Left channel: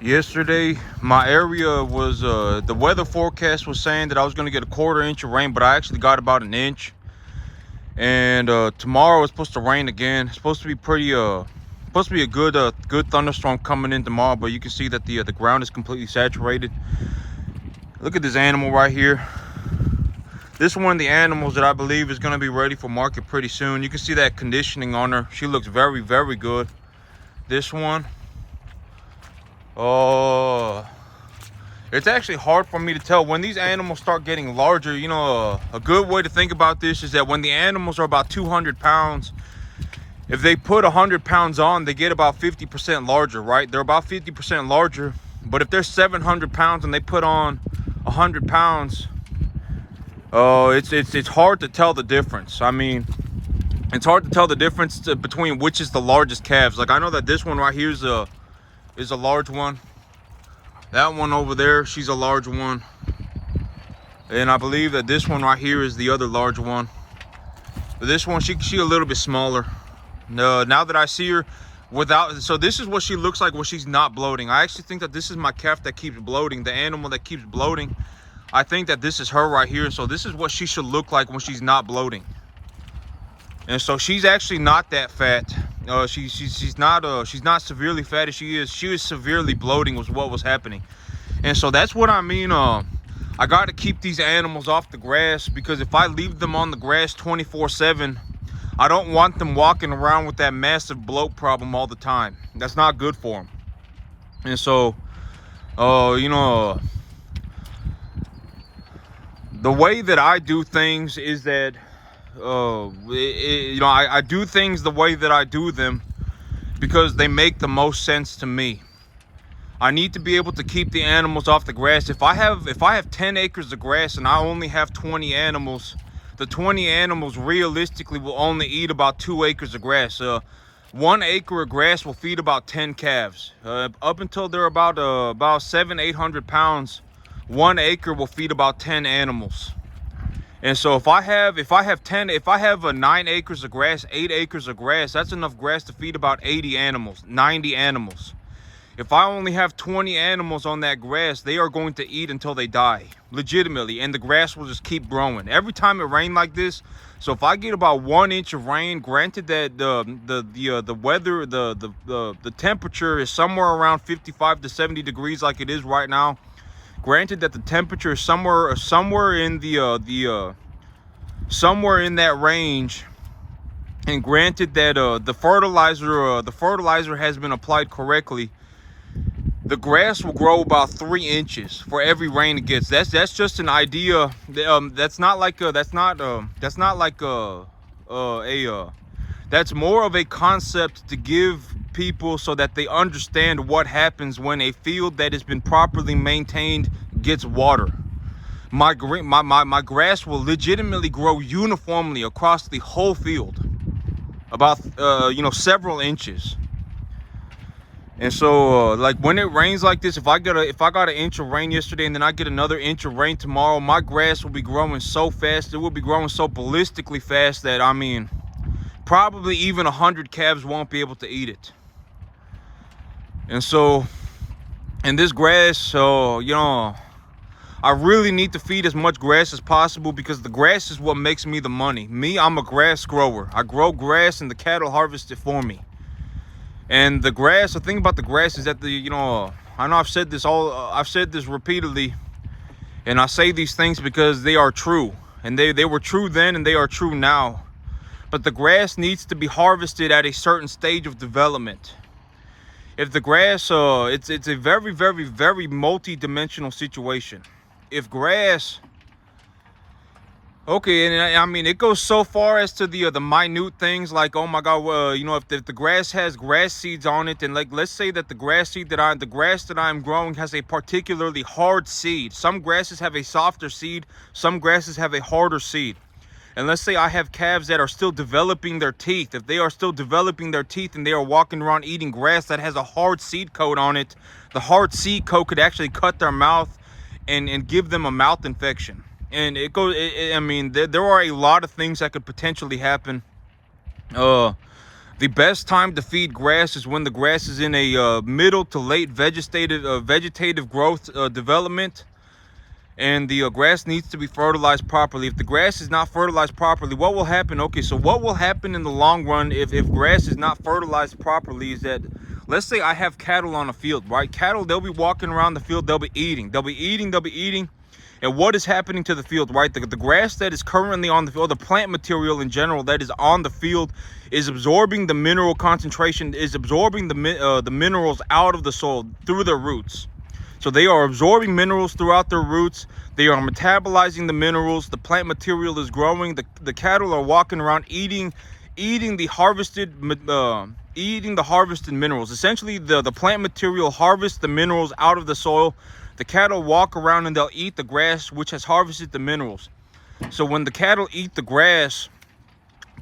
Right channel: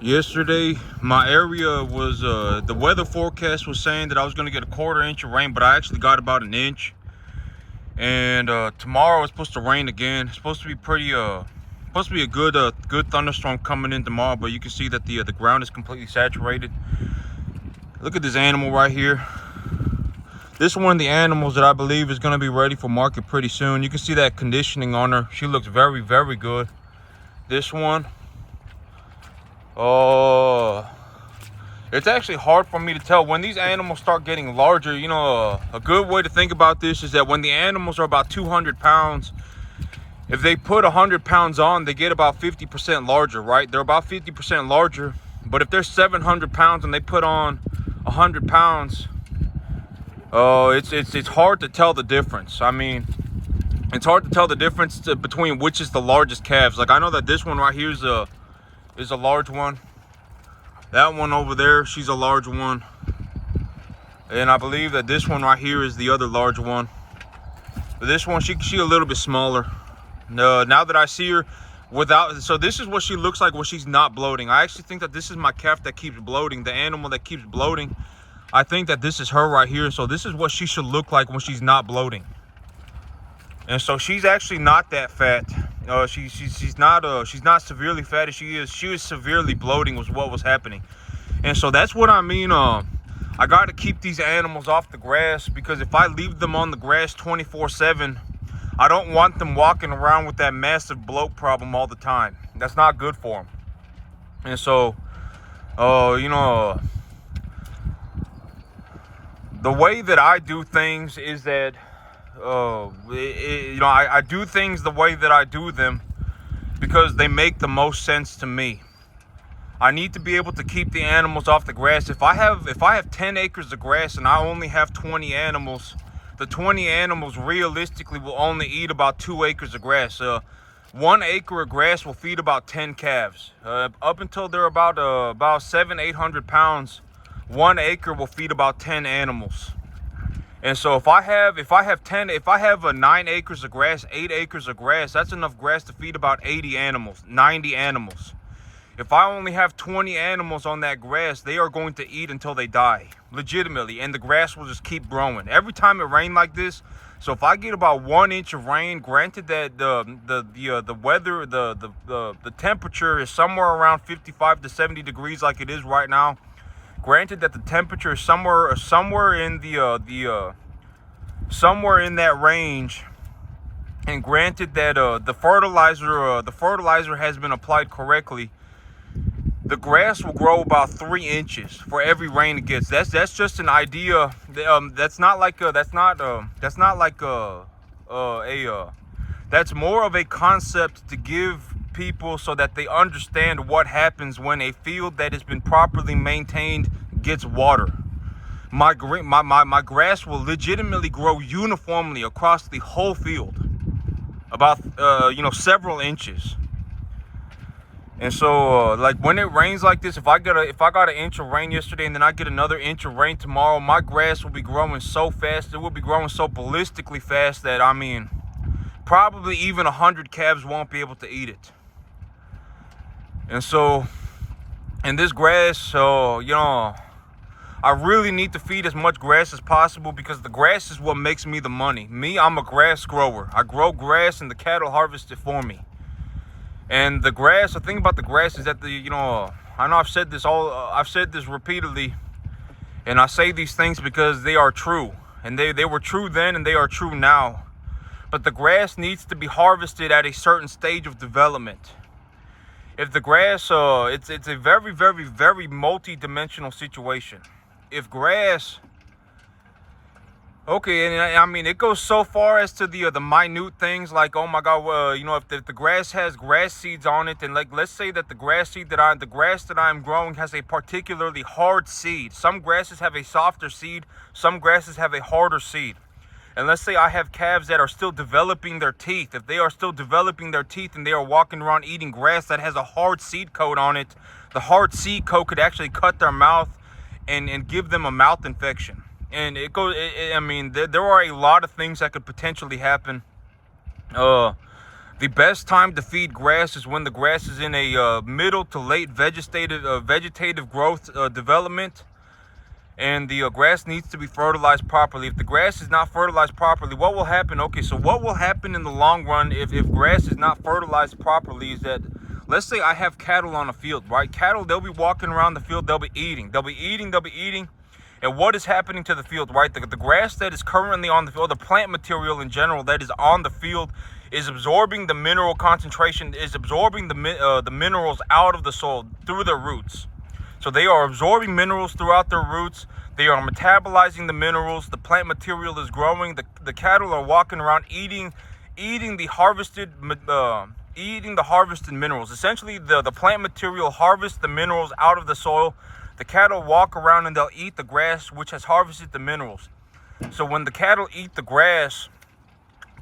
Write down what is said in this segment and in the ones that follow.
Yesterday, my area was, the weather forecast was saying that I was going to get a 1/4 inch of rain, but I actually got about an inch. And tomorrow it's supposed to rain again. It's supposed to be supposed to be a good thunderstorm coming in tomorrow, but you can see that the ground is completely saturated. Look at this animal right here. This is one of the animals that I believe is going to be ready for market pretty soon. You can see that conditioning on her. She looks very, very good. This one, oh, it's actually hard for me to tell when these animals start getting larger. You know, a good way to think about this is that when the animals are about 200 pounds, if they put 100 pounds on, they get about 50% larger, right? They're about 50% larger. But if they're 700 pounds and they put on 100 pounds, it's hard to tell the difference. I mean, it's hard to tell the difference between which is the largest calves. Like, I know that this one right here is a large one. That one over there, she's a large one. And I believe that this one right here is the other large one. But this one, she a little bit smaller. Now that I see her without, so this is what she looks like when she's not bloating. I actually think that this is my calf that keeps bloating, the animal that keeps bloating. I think that this is her right here. So this is what she should look like when she's not bloating. And so she's actually not that fat. She's not severely fat as she is. She was severely bloating was what was happening. And so that's what I mean. I got to keep these animals off the grass, because if I leave them on the grass 24/7, I don't want them walking around with that massive bloat problem all the time. That's not good for them. And so, you know, the way that I do things is that, you know, I do things the way that I do them because they make the most sense to me. I need to be able to keep the animals off the grass. If I have 10 acres of grass and I only have 20 animals, the 20 animals realistically will only eat about 2 acres of grass. 1 acre of grass will feed about 10 calves. Up until they're about 700-800 pounds, 1 acre will feed about 10 animals. And so if I have 9 acres of grass, 8 acres of grass, that's enough grass to feed about 80 animals, 90 animals. If I only have 20 animals on that grass, they are going to eat until they die, legitimately, and the grass will just keep growing. Every time it rains like this, so if I get about 1 inch of rain, granted that the weather, the temperature is somewhere around 55 to 70 degrees like it is right now. Granted that the temperature is somewhere in somewhere in that range, and granted that the fertilizer has been applied correctly, the grass will grow about 3 inches for every rain it gets. That's just an idea. That's more of a concept to give people so that they understand what happens when a field that has been properly maintained gets water. My grass will legitimately grow uniformly across the whole field, about you know, several inches. And so, like, when it rains like this, if I got an inch of rain yesterday and then I get another inch of rain tomorrow, my grass will be growing so fast. It will be growing so ballistically fast that, I mean, probably even 100 calves won't be able to eat it. And so, and this grass, so, you know, I really need to feed as much grass as possible, because the grass is what makes me the money. Me, I'm a grass grower. I grow grass and the cattle harvest it for me. And the grass, the thing about the grass is that you know, I know I've said this repeatedly, and I say these things because they are true, and they were true then and they are true now. But the grass needs to be harvested at a certain stage of development. If the grass, it's a very, very, very multi-dimensional situation. If grass, okay, and I mean, it goes so far as to the minute things like, oh my God, you know, if the grass has grass seeds on it, and like, let's say that the grass that I'm growing has a particularly hard seed. Some grasses have a softer seed, some grasses have a harder seed. And let's say I have calves that are still developing their teeth. If they are still developing their teeth and they are walking around eating grass that has a hard seed coat on it, the hard seed coat could actually cut their mouth and give them a mouth infection. And it goes, I mean, there are a lot of things that could potentially happen. The best time to feed grass is when the grass is in a middle to late vegetative growth development, and the grass needs to be fertilized properly. If the grass is not fertilized properly, what will happen? Okay, so what will happen in the long run if grass is not fertilized properly is that, let's say I have cattle on a field, right? Cattle, they'll be walking around the field, they'll be eating. And what is happening to the field, right? The grass that is currently on the field, the plant material in general that is on the field, is absorbing the mineral concentration, is absorbing the minerals out of the soil through their roots. So they are absorbing minerals throughout their roots. They are metabolizing the minerals. The plant material is growing. The cattle are walking around eating the harvested minerals. Essentially, the plant material harvests the minerals out of the soil. The cattle walk around and they'll eat the grass, which has harvested the minerals. So when the cattle eat the grass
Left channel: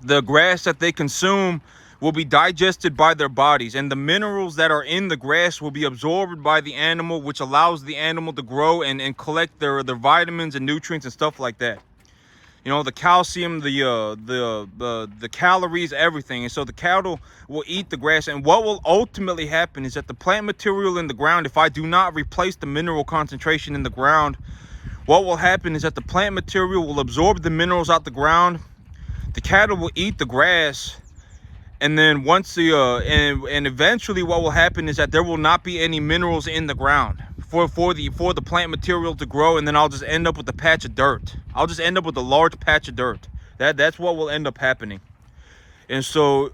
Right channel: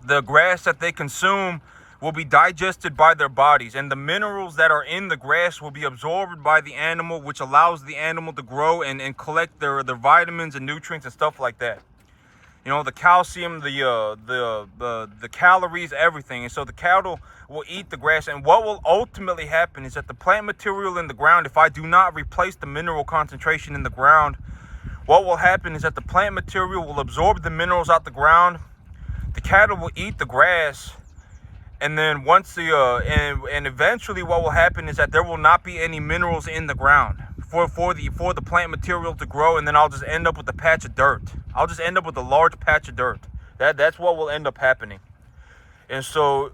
that they consume will be digested by their bodies, and the minerals that are in the grass will be absorbed by the animal, which allows the animal to grow and collect their vitamins and nutrients and stuff like that. You know, the calcium, the calories, everything. And so the cattle will eat the grass, and what will ultimately happen is that the plant material in the ground, if I do not replace the mineral concentration in the ground, what will happen is that the plant material will absorb the minerals out the ground. The cattle will eat the grass, and then once and eventually what will happen is that there will not be any minerals in the ground for the plant material to grow, and then I'll just end up with a patch of dirt. I'll just end up with a large patch of dirt. That's what will end up happening. And so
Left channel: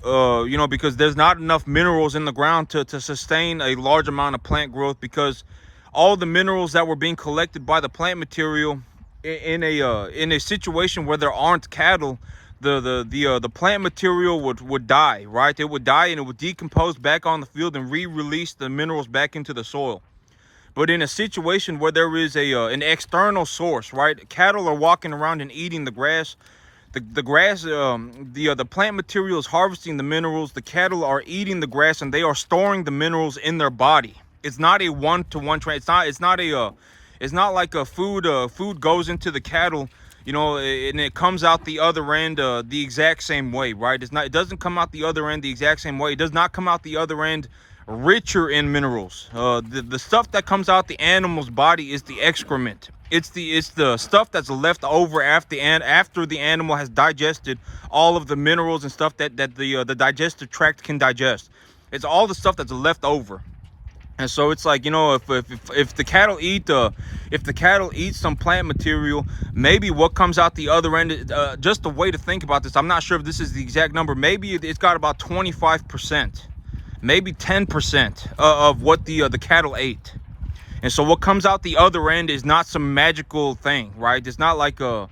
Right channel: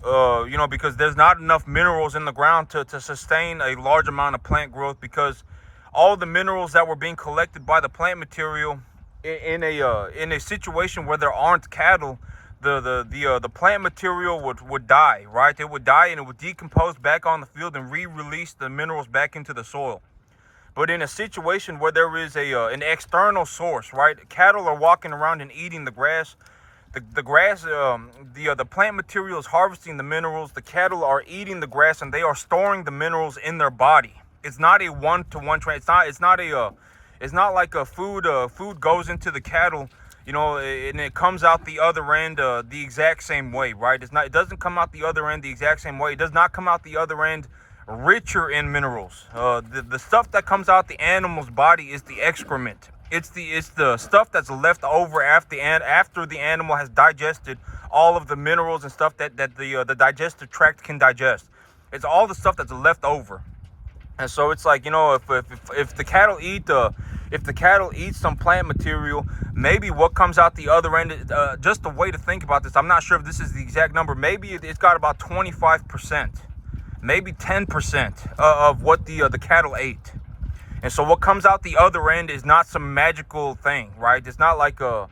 you know, because there's not enough minerals in the ground to sustain a large amount of plant growth, because all the minerals that were being collected by the plant material in a situation where there aren't cattle, the plant material would die, right? It would die and it would decompose back on the field and re-release the minerals back into the soil. But in a situation where there is an external source, right? Cattle are walking around and eating the grass. The grass, the plant material is harvesting the minerals. The cattle are eating the grass, and they are storing the minerals in their body. It's not a one-to-one trade. It's not like a food goes into the cattle, you know, and it comes out the other end the exact same way, right? It doesn't come out the other end the exact same way. It does not come out the other end richer in minerals. The stuff that comes out the animal's body is the excrement. It's the stuff that's left over after the animal has digested all of the minerals and stuff that the digestive tract can digest. It's all the stuff that's left over. And so it's like, you know, if the cattle eat some plant material, maybe what comes out the other end, just a way to think about this, I'm not sure if this is the exact number, maybe it's got about 25%, maybe 10% of what the cattle ate. And so what comes out the other end is not some magical thing, right? It's not like some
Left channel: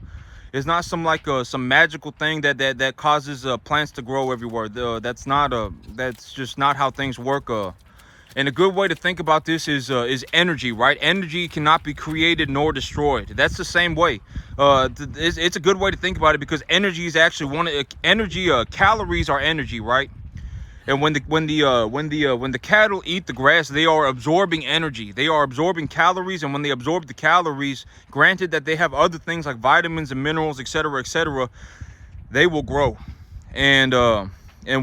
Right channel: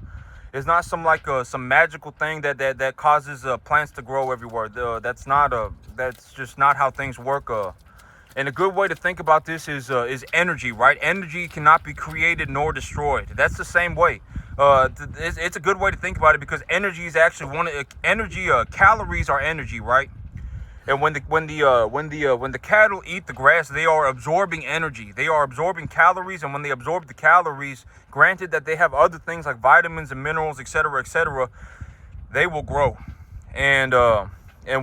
magical thing that causes plants to grow everywhere. That's just not how things work. And a good way to think about this is energy, right? Energy cannot be created nor destroyed. That's the same way. It's a good way to think about it, because energy is actually calories are energy, right? And when the cattle eat the grass, they are absorbing energy. They are absorbing calories, and when they absorb the calories, granted that they have other things like vitamins and minerals, etc., they will grow. And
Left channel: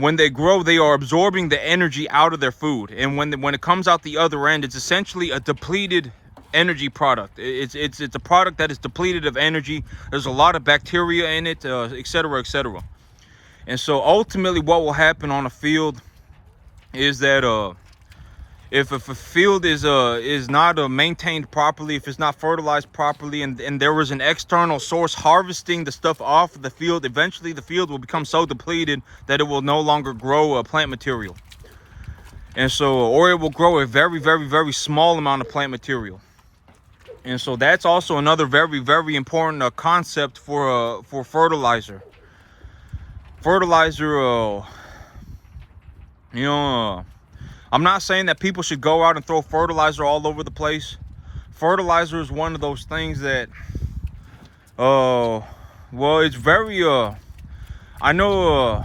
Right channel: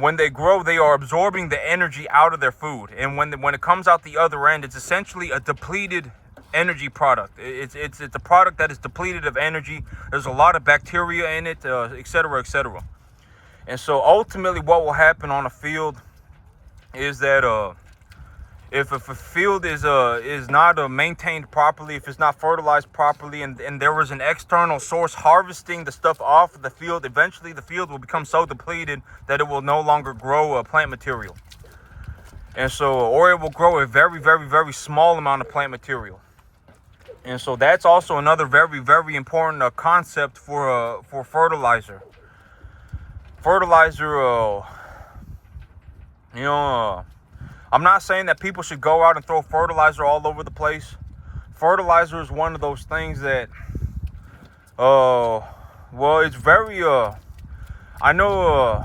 when they grow, they are absorbing the energy out of their food. And when it comes out the other end, it's essentially a depleted energy product. It's a product that is depleted of energy. There's a lot of bacteria in it, etc. And so ultimately what will happen on a field is that if a field is not maintained properly, if it's not fertilized properly, and there was an external source harvesting the stuff off of the field, eventually the field will become so depleted that it will no longer grow plant material. And so, or it will grow a very, very, very small amount of plant material. And so that's also another very, very important concept for fertilizer. Fertilizer, you know, I'm not saying that people should go out and throw fertilizer all over the place. Fertilizer is one of those things that, well, it's very, I know,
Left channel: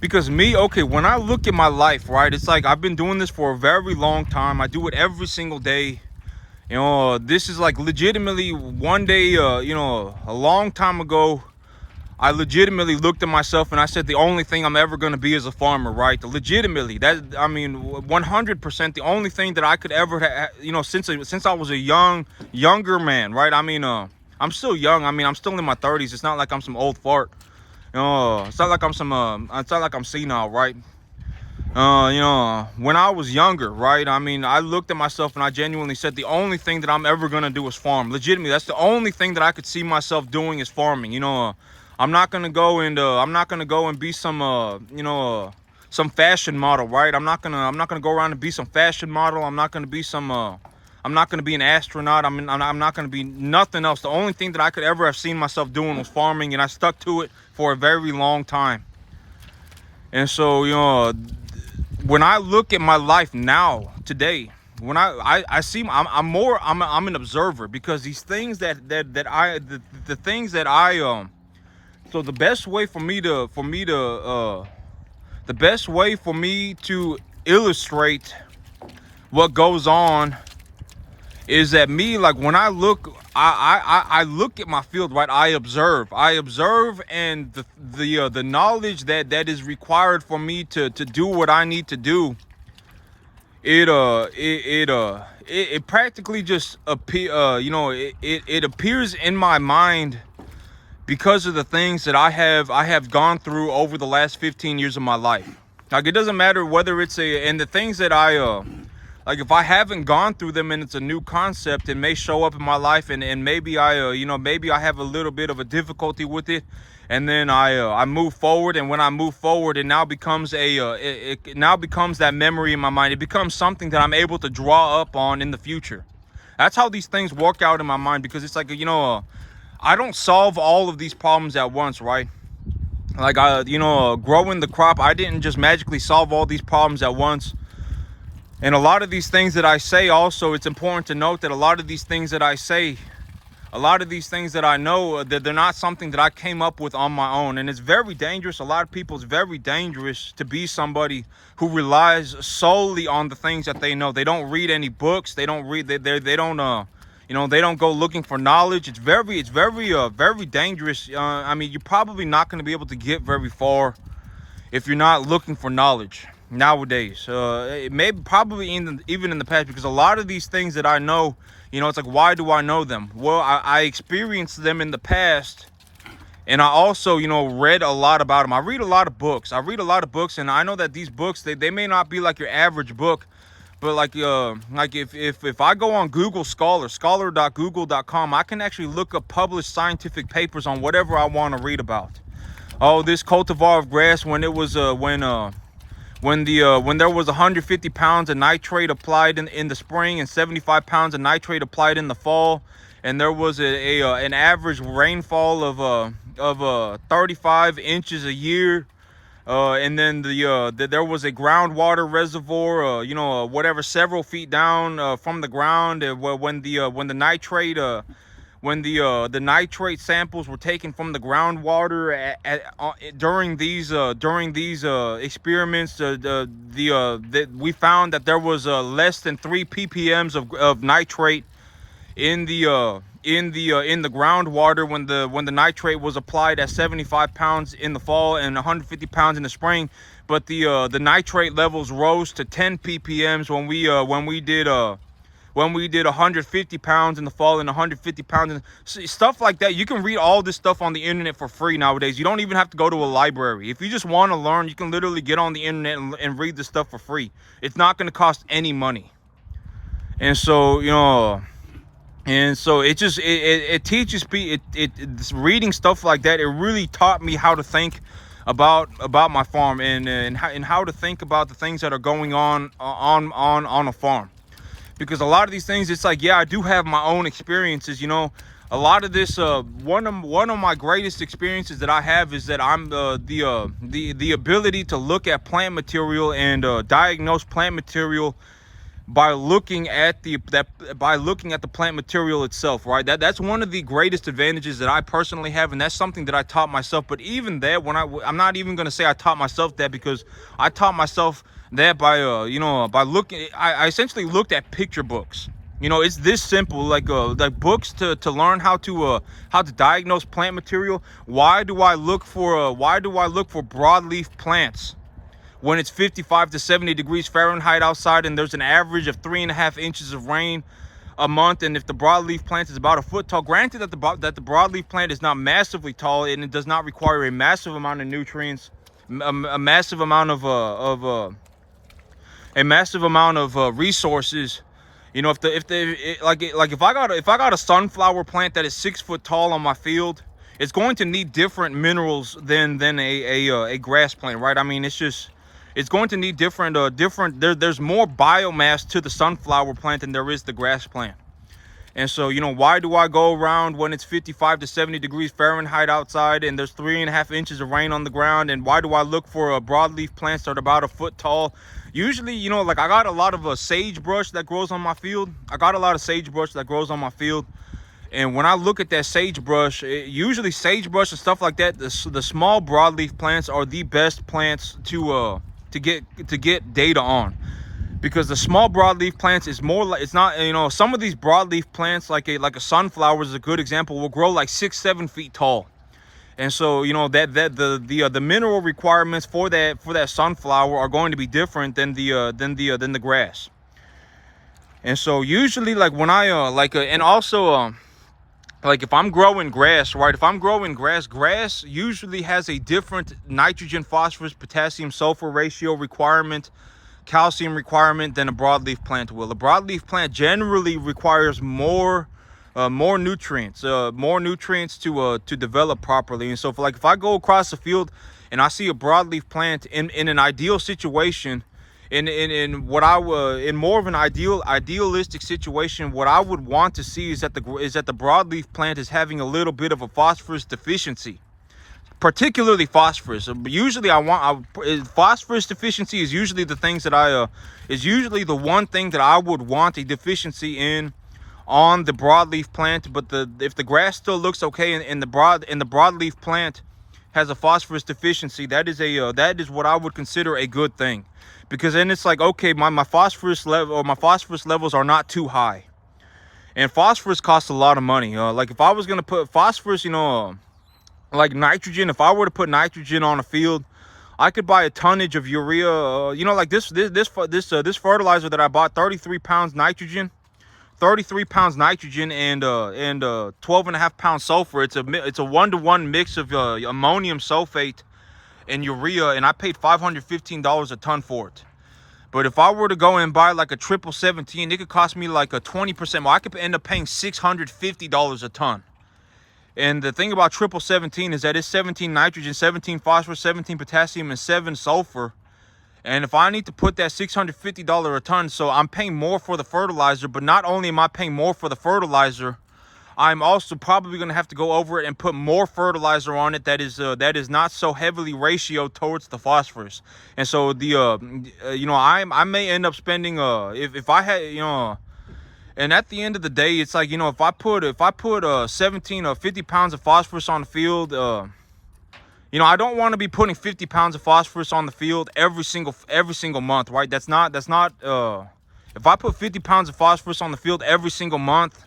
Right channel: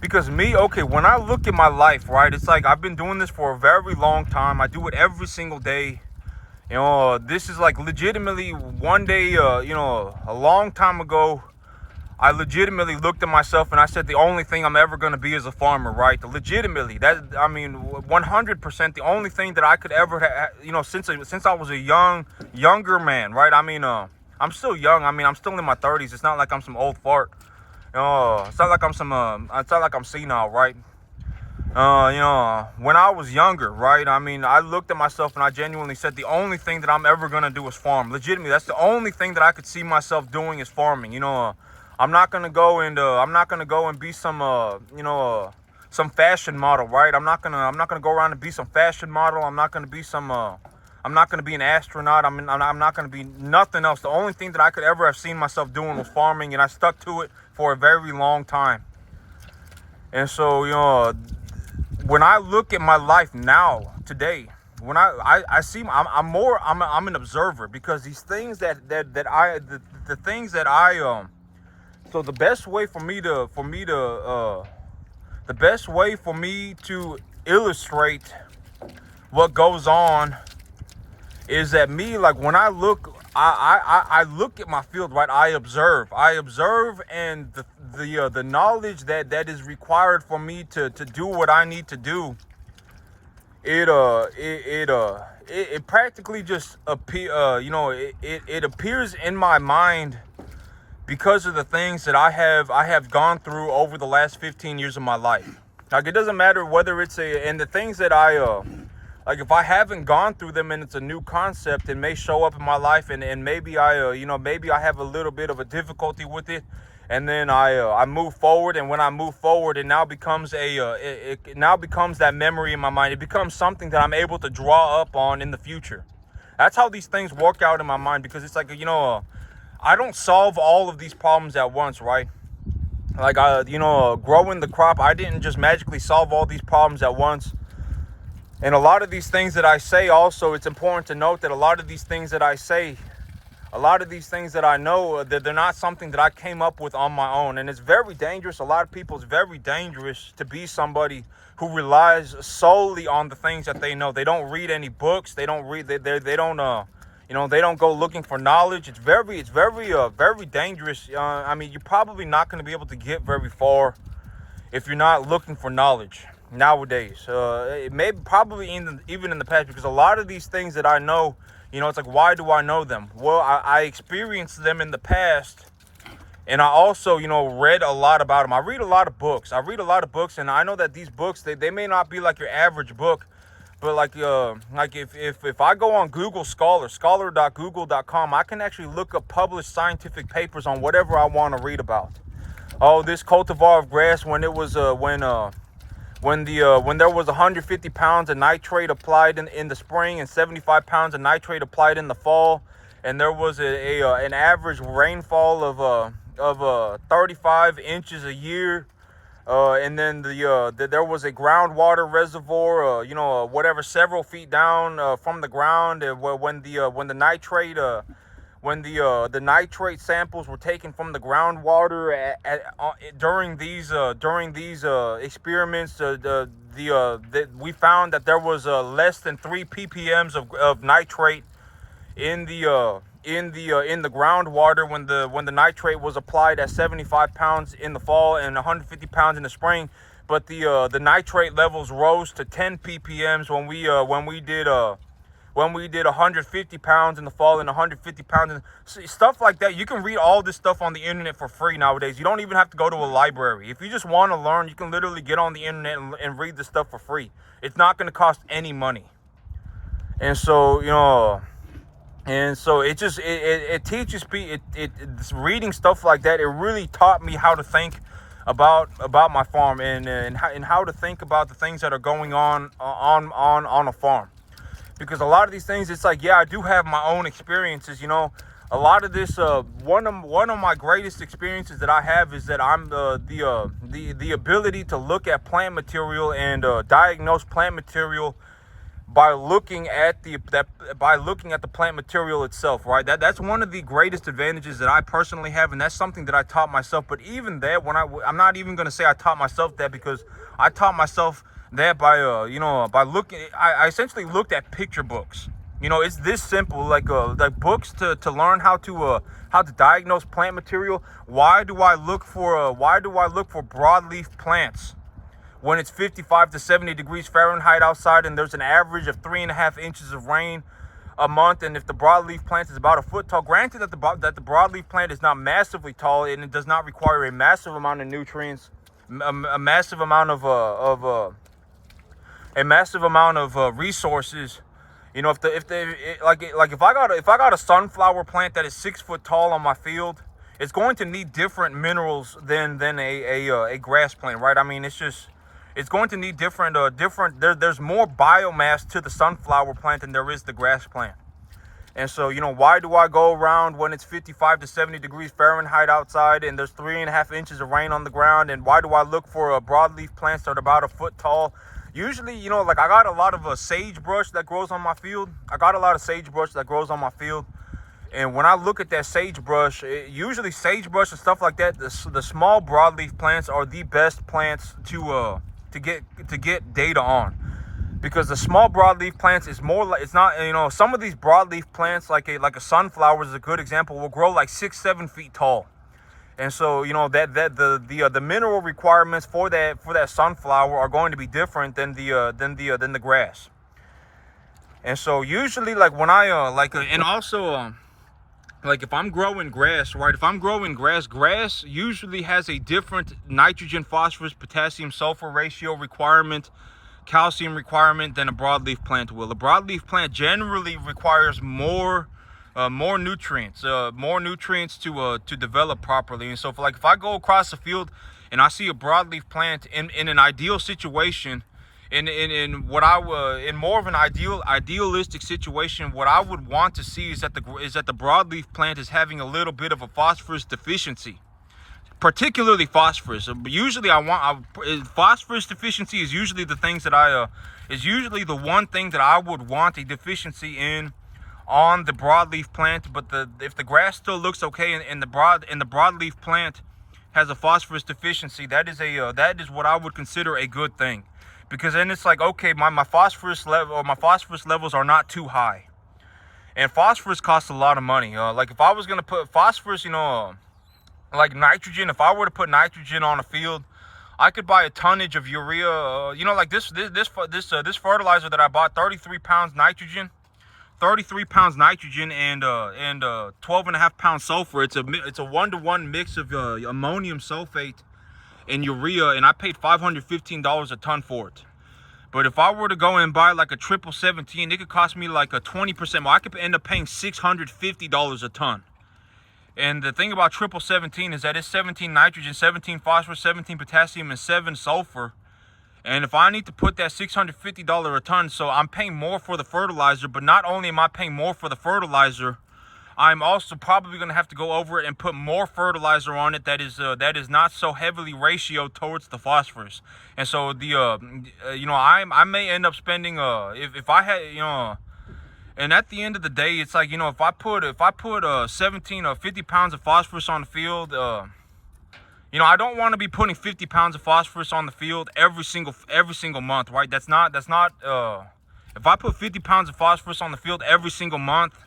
because when I look at my life, right, it's like I've been doing this for a very long time. I do it every single day. You know, this is like legitimately one day, a long time ago, I legitimately looked at myself and I said, the only thing I'm ever going to be is a farmer, right? Legitimately, that, I mean, 100%, the only thing that I could ever, you know, since I was a younger man, right? I mean, I'm still young. I mean, I'm still in my 30s. It's not like I'm some old fart. No, it's not like I'm some, it's not like I'm senile, right? You know, when I was younger, right? I mean, I looked at myself and I genuinely said, the only thing that I'm ever gonna do is farm. Legitimately, that's the only thing that I could see myself doing is farming. You know, I'm not gonna go and be some, you know, some fashion model, right? I'm not gonna go around and be some fashion model. I'm not gonna be some, I'm not gonna be an astronaut. I'm not gonna be nothing else. The only thing that I could ever have seen myself doing was farming, and I stuck to it for a very long time. And so, you know, when I look at my life now, today, when I see, I'm an observer, because these things the things that I so the best way for me to illustrate what goes on is that me, like, when I look, I look at my field, right? I observe, and the knowledge that is required for me to do what I need to do, it practically just you know, it appears in my mind because of the things that I have gone through over the last 15 years of my life. Like, it doesn't matter whether it's and the things that like, if I haven't gone through them and it's a new concept, it may show up in my life, and maybe you know, maybe I have a little bit of a difficulty with it, and then I move forward, and when I move forward, it now becomes it now becomes that memory in my mind. It becomes something that I'm able to draw up on in the future. That's how these things work out in my mind, because it's like, you know, I don't solve all of these problems at once, right? Like, you know, growing the crop, I didn't just magically solve all these problems at once. And a lot of these things that I say, also, it's important to note that a lot of these things that I say, a lot of these things that I know, that they're not something that I came up with on my own. And it's very dangerous. A lot of people, it's very dangerous to be somebody who relies solely on the things that they know. They don't read any books. They don't read, they don't, you know, they don't go looking for knowledge. It's very dangerous. I mean, you're probably not going to be able to get very far if you're not looking for knowledge nowadays. It may probably even in the past, because a lot of these things that I know, you know, it's like, why do I know them? Well, I experienced them in the past, and I also, you know, read a lot about them. I read a lot of books, and I know that these books, they may not be like your average book, but like if I go on Google scholar.google.com, I can actually look up published scientific papers on whatever I want to read about. Oh, this cultivar of grass, when it was when there was 150 pounds of nitrate applied in the spring and 75 pounds of nitrate applied in the fall, and there was an average rainfall of 35 inches a year, and then there was a groundwater reservoir, you know, whatever, several feet down from the ground, when the nitrate samples were taken from the groundwater during these experiments, we found that there was less than 3 ppms of nitrate in the groundwater when the nitrate was applied at 75 pounds in the fall and 150 pounds in the spring. But the nitrate levels rose to 10 ppms when we did 150 pounds in the fall and 150 pounds stuff like that. You can read all this stuff on the internet for free nowadays. You don't even have to go to a library. If you just want to learn, you can literally get on the internet and read this stuff for free. It's not going to cost any money. And so, you know, and so it just it teaches people, reading stuff like that, it really taught me how to think about my farm, and how to think about the things that are going on a farm. Because a lot of these things, it's like, yeah, I do have my own experiences, you know. A lot of this, one of my greatest experiences that I have is that I'm the ability to look at plant material and diagnose plant material by looking at the plant material itself, right? That's one of the greatest advantages that I personally have, and that's something that I taught myself. But even that, I'm not even going to say I taught myself that, because I taught myself that by you know, by looking. I essentially looked at picture books. You know, it's this simple. Like books to learn how to diagnose plant material. Why do I look for broadleaf plants when it's 55 to 70 degrees Fahrenheit outside and there's an average of 3.5 inches of rain a month? And if the broadleaf plant is about a foot tall, granted that the broadleaf plant is not massively tall and it does not require a massive amount of nutrients, a massive amount of resources. You know, if I got a sunflower plant that is 6 foot tall on my field, it's going to need different minerals than a grass plant, right? I mean, it's going to need different. There's more biomass to the sunflower plant than there is the grass plant. And so, you know, why do I go around when it's 55 to 70 degrees Fahrenheit outside and there's 3.5 inches of rain on the ground? And why do I look for broadleaf plants that are about a foot tall? Usually, you know, like I got a lot of sagebrush that grows on my field. And when I look at that sagebrush, usually sagebrush and stuff like that, the small broadleaf plants are the best plants to get data on. Because the small broadleaf plants is more like, it's not, you know, some of these broadleaf plants like a sunflower is a good example, will grow like 6-7 feet tall. And so, you know, the mineral requirements for that sunflower are going to be different than the grass. And so usually, like when I and also like if I'm growing grass, right? If I'm growing grass usually has a different nitrogen, phosphorus, potassium, sulfur ratio requirement, calcium requirement than a broadleaf plant will. A broadleaf plant generally requires more nutrients to develop properly. And so if I go across the field and I see a broadleaf plant in an ideal situation, in more of an idealistic situation, what I would want to see is that the broadleaf plant is having a little bit of a phosphorus deficiency, particularly phosphorus. Usually phosphorus deficiency is usually the things that is usually the one thing that I would want a deficiency in on the broadleaf plant. But if the grass still looks okay and the broadleaf plant has a phosphorus deficiency, that is what I would consider a good thing, because then it's like, okay, my phosphorus levels are not too high. And phosphorus costs a lot of money. Like if I was gonna put phosphorus, you know, like nitrogen, if I were to put nitrogen on a field, I could buy a tonnage of urea. You know, like this fertilizer that I bought, 33 pounds nitrogen, and 12.5 pounds sulfur. It's a 1-to-1 mix of ammonium sulfate and urea, and I paid $515 a ton for it. But if I were to go and buy like a 1717, it could cost me like a 20% more. I could end up paying $650 a ton. And the thing about 1717 is that it's 17 nitrogen, 17 phosphorus, 17 potassium, and 7 sulfur. And if I need to put that $650 a ton, so I'm paying more for the fertilizer. But not only am I paying more for the fertilizer, I'm also probably going to have to go over it and put more fertilizer on it that is not so heavily ratioed towards the phosphorus. And so you know, I may end up spending if I had, you know. And at the end of the day, it's like, you know, if I put 17 or 50 pounds of phosphorus on the field, you know, I don't want to be putting 50 pounds of phosphorus on the field every single month, right? That's not if I put 50 pounds of phosphorus on the field every single month,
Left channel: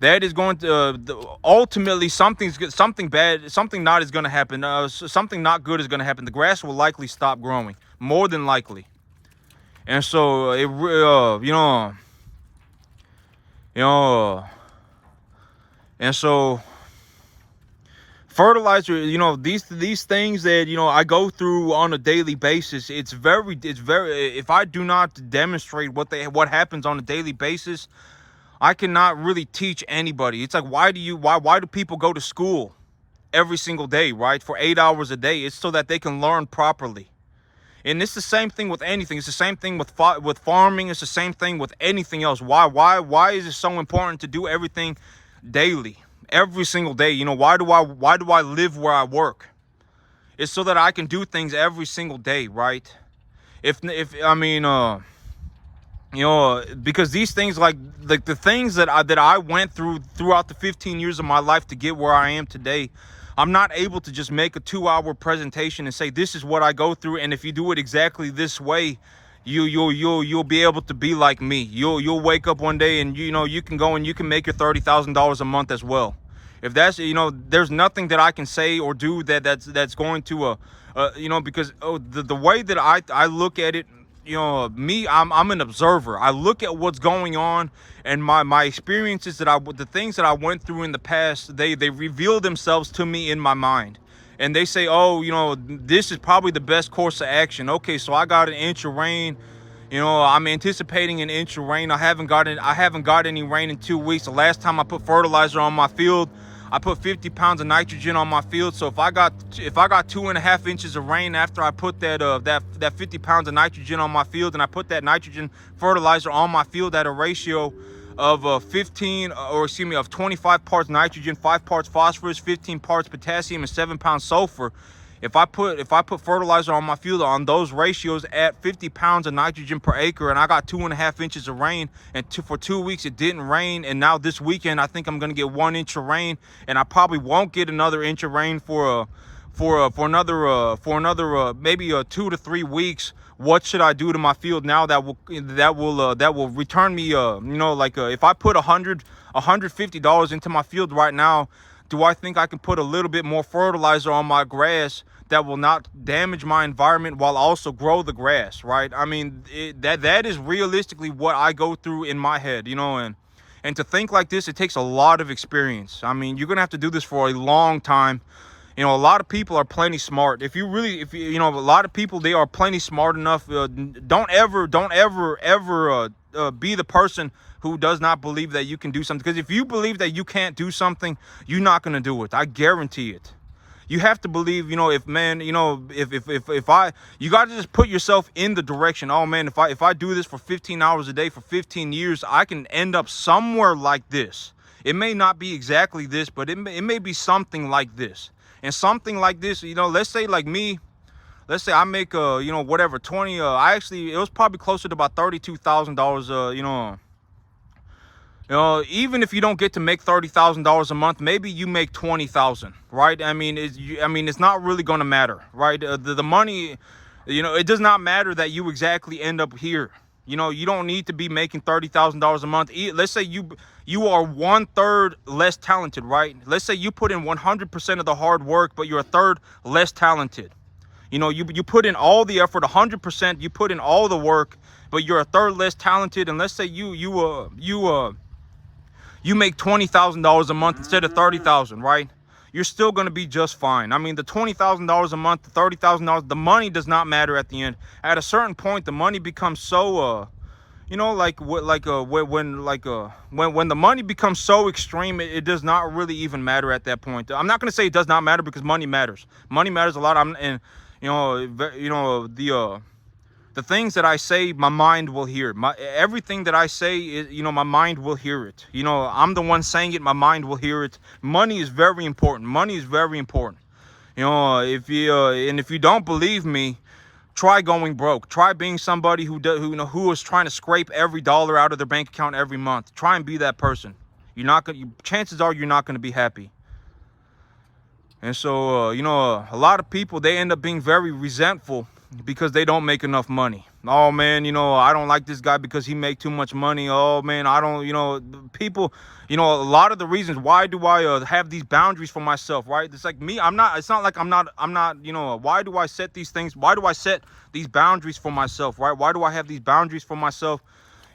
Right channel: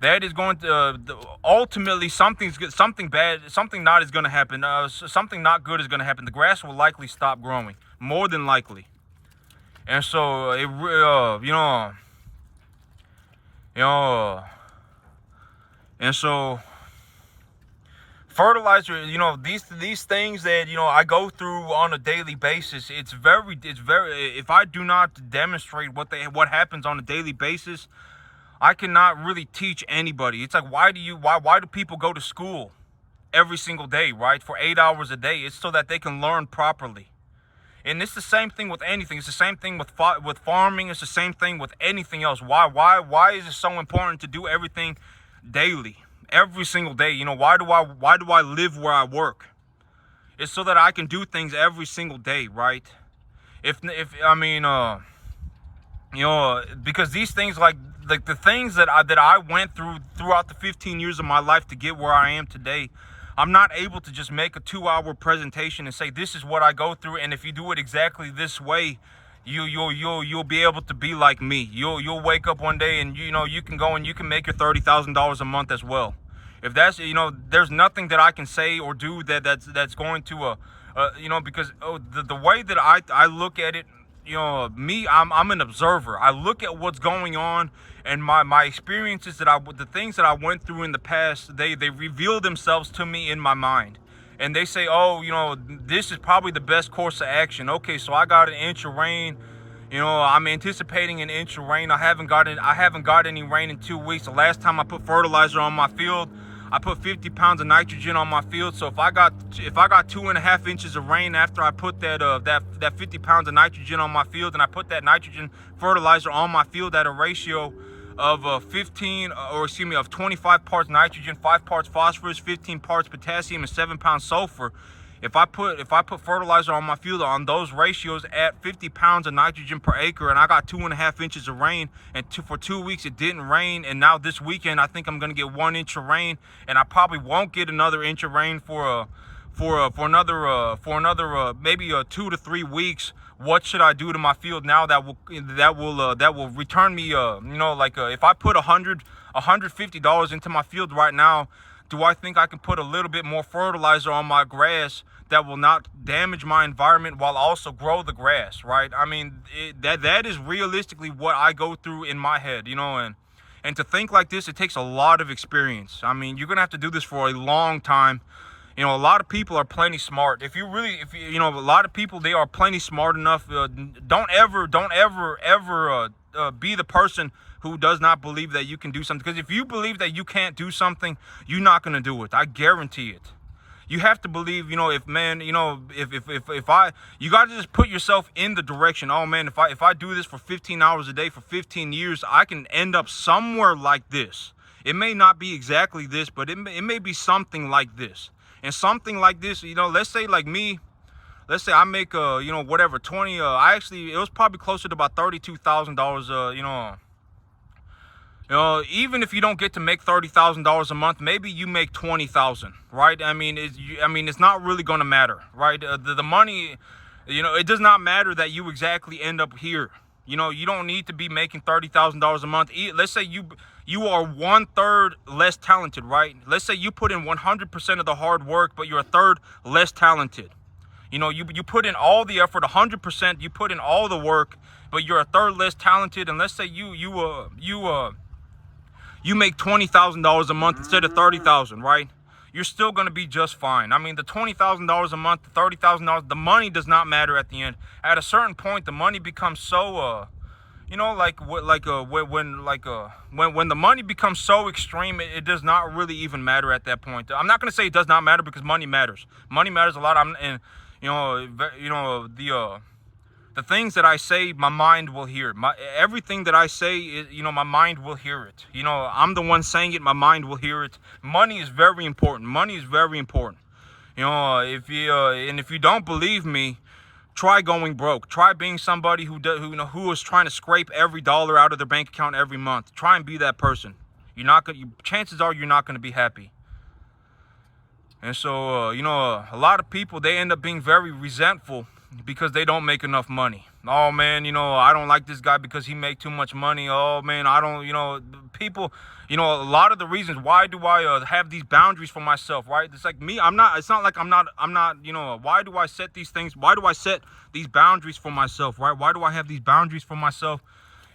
that is going to ultimately something not is going to happen. Something not good is going to happen. The grass will likely stop growing, more than likely. And so and so fertilizer, you know, these things that, you know, I go through on a daily basis, it's very if I do not demonstrate what happens on a daily basis, I cannot really teach anybody. It's like, why do people go to school every single day, right? For 8 hours a day. It's so that they can learn properly. And it's the same thing with anything. It's the same thing with farming. It's the same thing with anything else. Why is it so important to do everything daily, every single day? You know, why do I live where I work? It's so that I can do things every single day, right? I mean, you know, because these things, like the things that I went through throughout the 15 years of my life to get where I am today, I'm not able to just make a 2-hour presentation and say, this is what I go through, and if you do it exactly this way, you'll be able to be like me. You'll wake up one day and you can go and you can make your $30,000 a month as well. If that's, there's nothing that I can say or do that's going to because the way that I look at it, me, I'm an observer. I look at what's going on, and my experiences the things that I went through in the past, they reveal themselves to me in my mind. And they say, oh, this is probably the best course of action. Okay, so I got an inch of rain. I'm anticipating an inch of rain. I haven't got any rain in 2 weeks. The last time I put fertilizer on my field, I put 50 pounds of nitrogen on my field. So if I got 2.5 inches of rain after I put that 50 pounds of nitrogen on my field, and I put that nitrogen fertilizer on my field at a ratio of 25 parts nitrogen, 5 parts phosphorus, 15 parts potassium, and 7 pounds sulfur. If I put fertilizer on my field on those ratios at 50 pounds of nitrogen per acre, and I got 2.5 inches of rain, and for 2 weeks it didn't rain, and now this weekend I think I'm gonna get 1 inch of rain, and I probably won't get another inch of rain for another maybe 2 to 3 weeks. What should I do to my field now that will return me if I put $150 into my field right now, do I think I can put a little bit more fertilizer on my grass that will not damage my environment while also grow the grass, right? I mean, that is realistically what I go through in my head, and to think like this, it takes a lot of experience. I mean, you're gonna have to do this for a long time. A lot of people are plenty smart. A lot of people, they are plenty smart enough. Don't ever be the person who does not believe that you can do something. Because if you believe that you can't do something, you're not going to do it. I guarantee it. You have to believe, you got to just put yourself in the direction. Oh man, if I do this for 15 hours a day for 15 years, I can end up somewhere like this. It may not be exactly this, but it may be something like this. And something like this, let's say like me, let's say I make, whatever, 20, it was probably closer to about $32,000, even if you don't get to make $30,000 a month, maybe you make 20,000, right? I mean, it's not really going to matter, right? The money, it does not matter that you exactly end up here. You don't need to be making $30,000 a month. Let's say you are 1/3 less talented, right? Let's say you put in 100% of the hard work, but you're 1/3 less talented. You put in all the effort, 100%. You put in all the work, but you're 1/3 less talented. And let's say you make $20,000 a month instead of $30,000, right? You're still going to be just fine. I mean, the $20,000 a month, the $30,000, the money does not matter at the end. At a certain point, the money becomes so, when the money becomes so extreme, it does not really even matter at that point. I'm not going to say it does not matter, because money matters. Money matters a lot. The things that I say, my mind will hear. Everything that I say is, my mind will hear it. I'm the one saying it, my mind will hear it. Money is very important. Money is very important. If you don't believe me, try going broke. Try being somebody who is trying to scrape every dollar out of their bank account every month. Try and be that person. Chances are you're not going to be happy. And so, a lot of people, they end up being very resentful because they don't make enough money. Oh man, I don't like this guy because he make too much money. Oh man, I don't, people, a lot of the reasons why do I have these boundaries for myself, right? It's like me, it's not like I'm not, why do I set these things? Why do I set these boundaries for myself, right? Why do I have these boundaries for myself?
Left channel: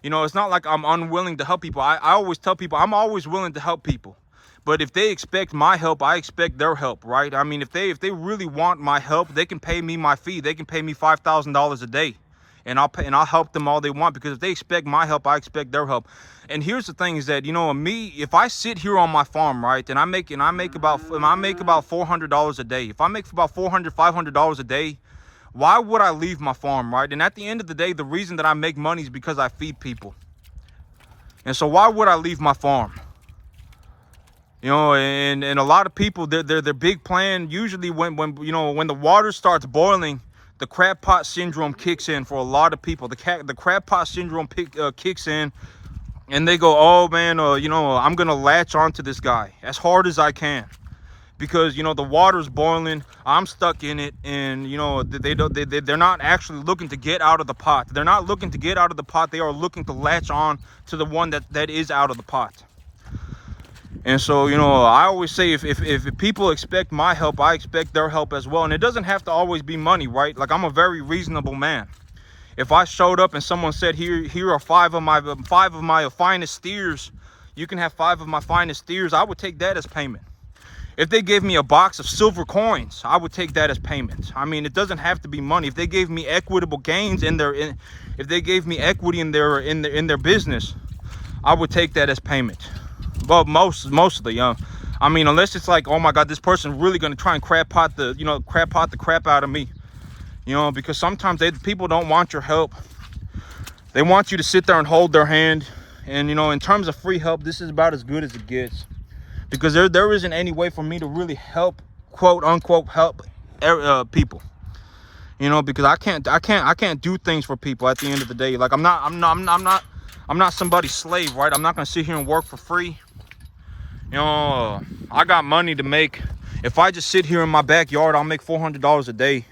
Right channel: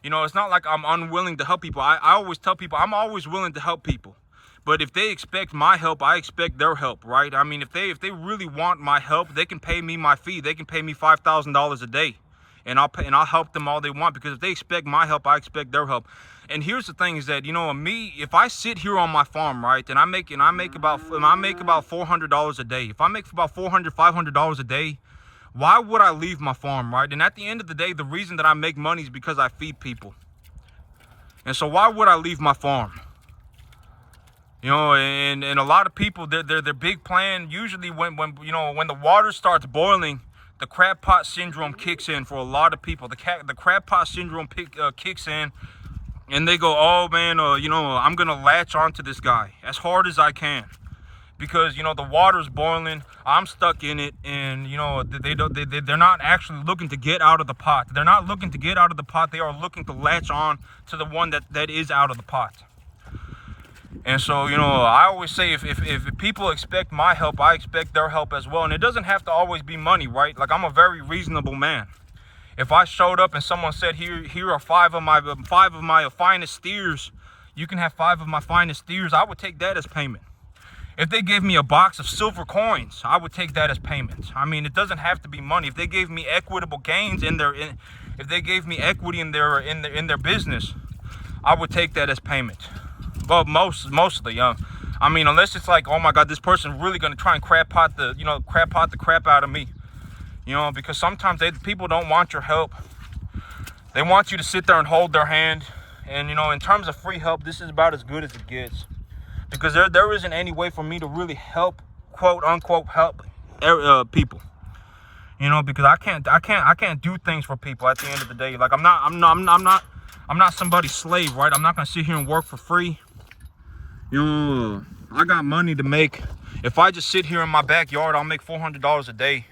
It's not like I'm unwilling to help people. I always tell people I'm always willing to help people. But if they expect my help, I expect their help, right? I mean, if they really want my help, they can pay me my fee. They can pay me $5,000 a day, and I'll help them all they want, because if they expect my help, I expect their help. And here's the thing: is that me, if I sit here on my farm, right, and I make about $400 a day. If I make about $500 a day, why would I leave my farm, right? And at the end of the day, the reason that I make money is because I feed people. And so why would I leave my farm? And a lot of people, their big plan, usually when the water starts boiling, the crab pot syndrome kicks in for a lot of people. The crab pot syndrome kicks in, and they go, oh man, I'm gonna latch onto this guy as hard as I can, because, you know, the water's boiling, I'm stuck in it, and, you know, they're not actually looking to get out of the pot. They're not looking to get out of the pot. They are looking to latch on to the one that is out of the pot. And so, you know, I always say, if people expect my help, I expect their help as well. And it doesn't have to always be money, right? Like, I'm a very reasonable man. If I showed up and someone said, here are five of my finest steers, you can have 5 of my finest steers, I would take that as payment. If they gave me a box of silver coins, I would take that as payment. I mean, it doesn't have to be money. If they gave me equitable gains if they gave me equity in their business, I would take that as payment. Well, mostly, I mean, unless it's like, oh my God, this person's really gonna try and crap pot the crap out of me. You know, because sometimes people don't want your help. They want you to sit there and hold their hand. And, you know, in terms of free help, this is about as good as it gets. Because there isn't any way for me to really help, quote unquote, help people. You know, because I can't do things for people at the end of the day. Like, I'm not somebody's slave, right? I'm not gonna sit here and work for free. You know, I got money to make. If I just sit here in my backyard, I'll make $400 a day.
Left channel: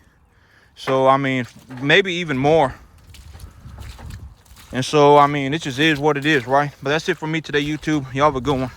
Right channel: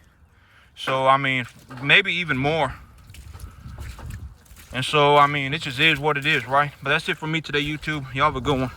So, I mean, maybe even more. And so, I mean, it just is what it is, right? But that's it for me today, YouTube. Y'all have a good one.